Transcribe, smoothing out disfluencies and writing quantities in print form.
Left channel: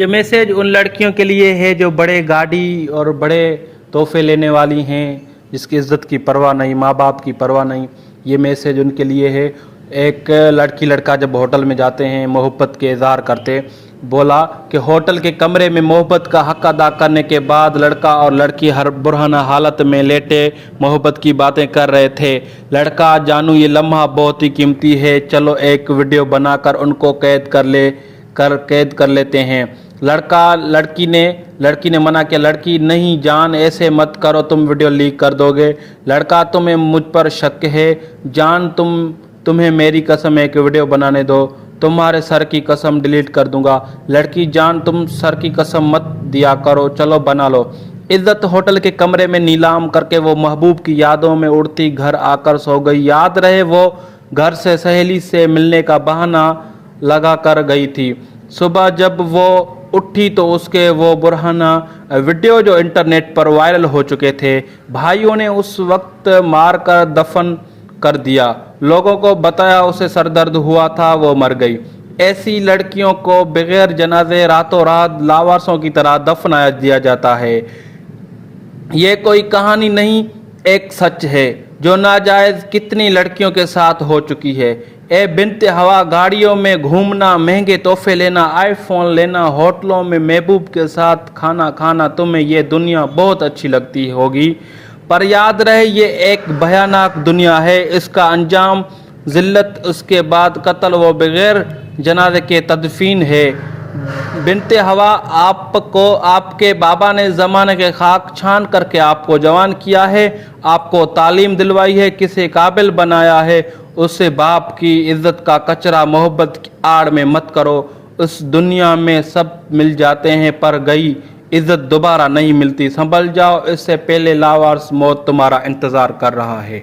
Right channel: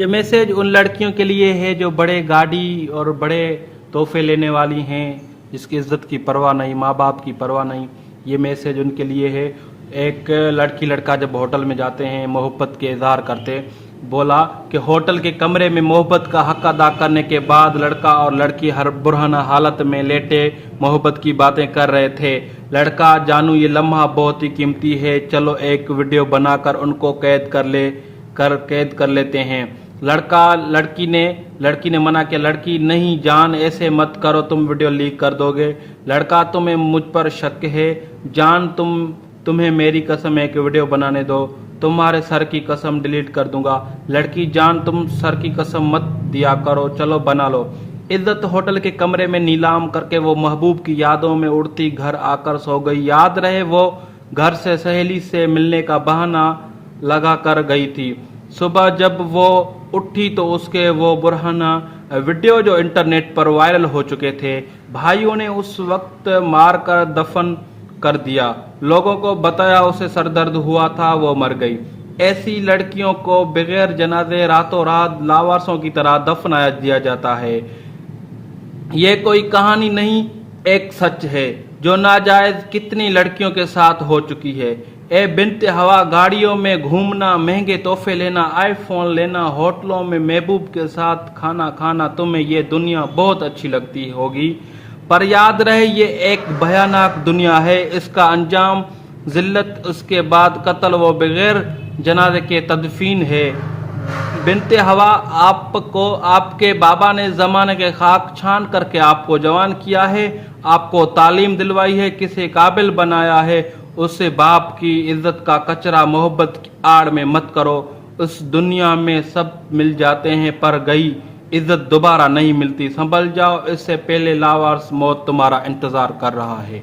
یہ میسیج ان لڑکیوں کے لیے ہے جو بڑے گاڑی اور بڑے تحفے لینے والی ہیں، جس کی عزت کی پرواہ نہیں، ماں باپ کی پرواہ نہیں۔ یہ میسیج ان کے لیے ہے۔ ایک لڑکی لڑکا جب ہوٹل میں جاتے ہیں، محبت کے اظہار کرتے، بولا کہ ہوٹل کے کمرے میں محبت کا حق ادا کرنے کے بعد لڑکا اور لڑکی ہر برہنہ حالت میں لیٹے محبت کی باتیں کر رہے تھے۔ لڑکا: جانو یہ لمحہ بہت ہی قیمتی ہے، چلو ایک ویڈیو بنا کر ان کو قید کر لیتے ہیں۔ لڑکی نے منع کیا: لڑکی: نہیں جان، ایسے مت کرو، تم ویڈیو لیک کر دو گے۔ لڑکا: تمہیں مجھ پر شک ہے؟ جان تمہیں میری قسم ایک ویڈیو بنانے دو، تمہارے سر کی قسم ڈیلیٹ کر دوں گا۔ لڑکی: جان تم سر کی قسم مت دیا کرو، چلو بنا لو۔ عزت ہوٹل کے کمرے میں نیلام کر کے وہ محبوب کی یادوں میں اڑتی گھر آ کر سو گئی۔ یاد رہے وہ گھر سے سہیلی سے ملنے کا بہانہ لگا کر گئی تھی۔ صبح جب وہ اٹھی تو اس کے وہ برہنہ ویڈیو جو انٹرنیٹ پر وائرل ہو چکے تھے، بھائیوں نے اس وقت مار کر دفن کر دیا۔ لوگوں کو بتایا اسے سر درد ہوا تھا، وہ مر گئی۔ ایسی لڑکیوں کو بغیر جنازے راتوں رات لاوارثوں کی طرح دفنا دیا جاتا ہے۔ یہ کوئی کہانی نہیں، ایک سچ ہے جو ناجائز کتنی لڑکیوں کے ساتھ ہو چکی ہے۔ اے بنت ہوا، گاڑیوں میں گھومنا، مہنگے تحفے لینا، آئی فون لینا، ہوٹلوں میں محبوب کے ساتھ کھانا کھانا، تمہیں یہ دنیا بہت اچھی لگتی ہوگی، پر یاد رہے یہ ایک بھیانک دنیا ہے۔ اس کا انجام ذلت، اس کے بعد قتل و بغیر جنازے کے تدفین ہے۔ بنت ہوا، آپ کے بابا نے زمانے کے خاک چھان کر کے آپ کو جوان کیا ہے، آپ کو تعلیم دلوائی ہے، کسی قابل بنایا ہے، اسے باپ کی عزت کا کچرا محبت کی آڑ میں مت کرو۔ اس دنیا میں سب مل جاتے ہیں پر گئی عزت دوبارہ نہیں ملتی، سنبھل جاؤ، اس سے پہلے لاوارث موت تمہارا انتظار کر رہا ہے۔